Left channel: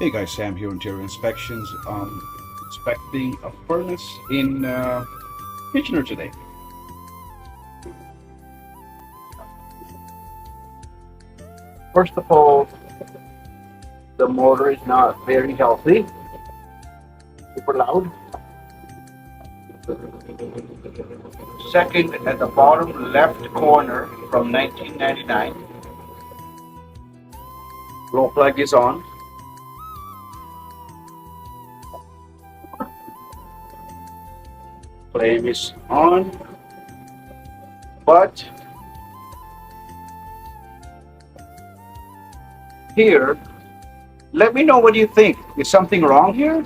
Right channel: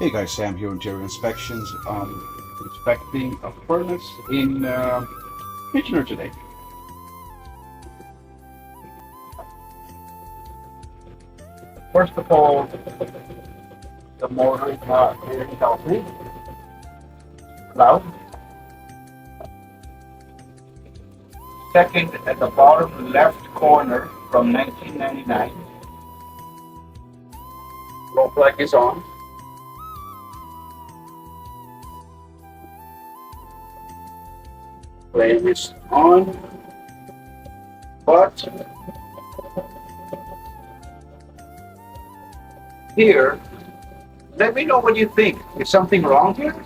Hey guys, Sam here, Interior Inspections. Inspecting a furnace in Kitchener today. First of all, the motor is not very healthy, super loud. Second, at the bottom left corner from 1999, glow plug is on. Flame is on, but here, let me know what you think. Is something wrong here?